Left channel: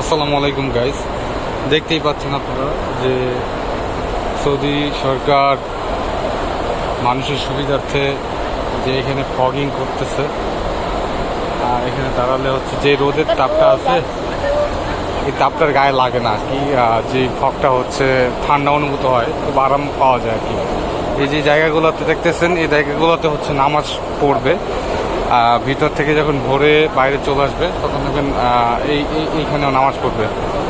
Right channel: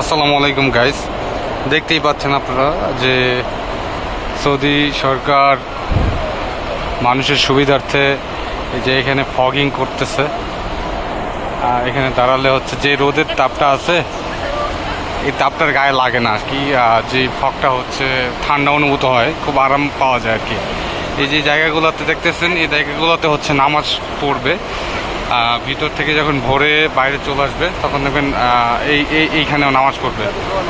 আসসালামু আলাইকুম গাইস দেখতেই পাচ্ছেন আপনারা যে সৌদি সরকার মানুষের সুবিধার্থে যে এখানে ফগিং করতেছে। আর এখানে দাঁড়ালে হচ্ছে যে রোদের তাপটা আছে, এই তাপটার গায়ে লাগে না আর কি। যে ফগটা হচ্ছে, ঠান্ডা অনুভূত হয়, খুব আরাম পাওয়া যায় আর কি। এই যে জায়গাগুলোতে দেখতেছেন, এই জায়গাগুলোতে হচ্ছে নামাজ পড়বে। ভিতর থেকে যখন ভোরে বাইরে চলে আসবে, তখন দেখবেন এই, এই- এইখানেও নামাজ পড়বে।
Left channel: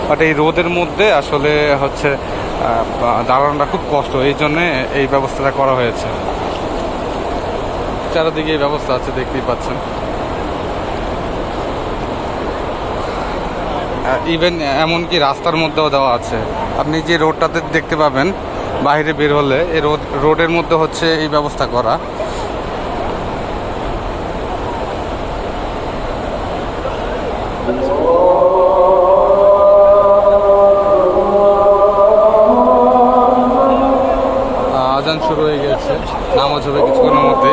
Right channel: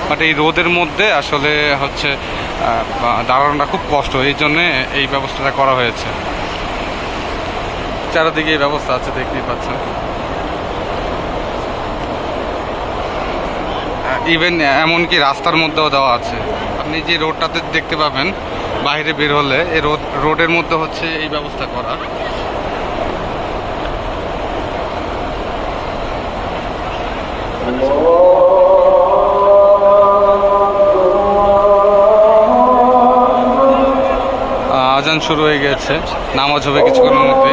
বাট এই রোদের মধ্যে আসলে হচ্ছে দাঁড়ানোটা খুব কষ্ট। এই জন্যে এই ব্যবস্থাটা করা হয়েছে। চারিদিকে এই ব্যবস্থা আছে, দেখতেই পাচ্ছেন। ইভেন এমনকি রাস্তার মধ্যেও দেওয়া আছে। আপনি যে রোডটাতে দেখতে পাবেন, বাইরে বের হলে, এই রোড রোডের মধ্যে হচ্ছে এই ব্যবস্থা করা। আজান শুরু হয়ে গেছে। নামাজ হবে কিছুক্ষণের মধ্যে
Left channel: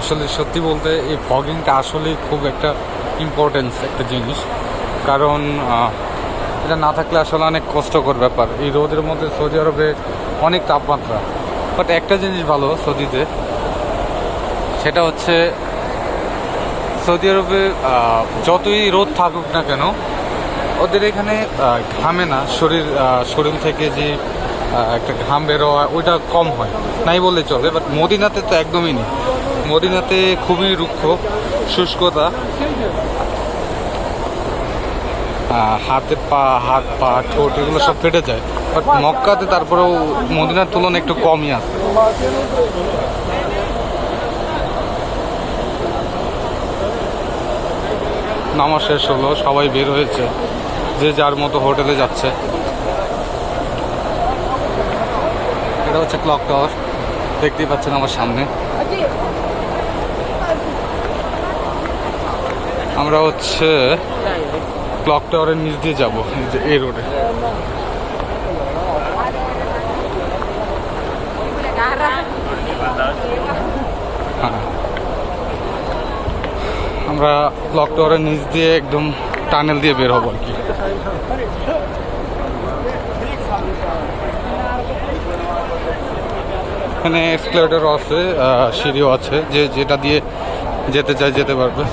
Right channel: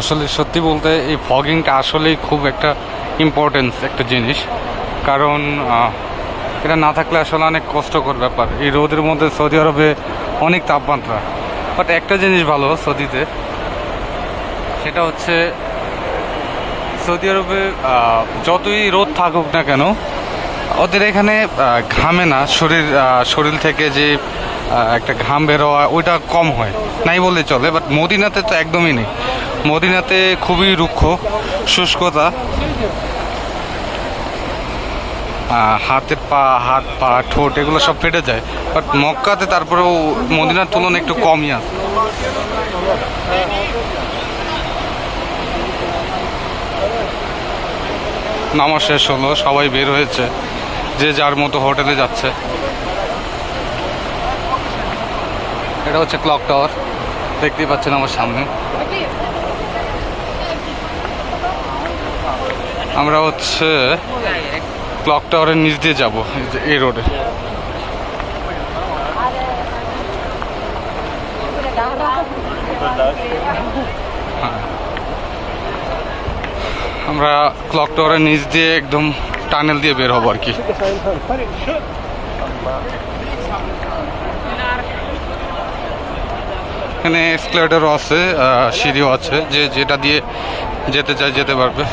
আসলে সত্যি বলতে এই ফগিংটা আসলেই খুব একটা ইম্পর্টেন্স একটা জিনিস। কারণ এটা না থাকলে আসলে অনেক কষ্টকর ব্যাপার। এই রোদের মধ্যে সৌদি আরবে অনেক তাপমাত্রা। বাট একটা জিনিস ভালো সৌদিতে, সেটা হচ্ছে সৌদি আরবে যতই রোদ থাকুক না কেন, ওদের এখানে ঘামে না। শরীর শরীর থেকে যে একটা ঘাম বেরোয়া ওইটা কম হয়। নাই বললে চলে বাট মদিনাতে তো একদমই নেই। মদিনাতে খুবই রুক্ষ, শুষ্কতা। হাতে পা, হাত, পা, ঠোঁট, এগুলো সব ফেটে যায়। বাট মক্কাতে তারপরেও মদিনার তুলনায় একটু কমই আছে। নামাজ শেষ হলো, সবাই বের হয়েছে। যে যার মতো হোটেলে যাচ্ছে। এটা হচ্ছে ক্লক টাওয়ার দেখতেই পাচ্ছেন আমার সামনে। আমরা হচ্ছে ক্লক টাওয়ারের নিচ দিয়ে যাব, এই রোডে হ্যাঁ। আমরা ক্লক টাওয়ারের নিচ দিয়ে একদম টানেল দিয়ে বের হব আর কি। এখানে এক্সক্লেটারও আছে সিঁড়িও আছে যে যেটা দিয়ে যেতে চাই যেতে পারবে।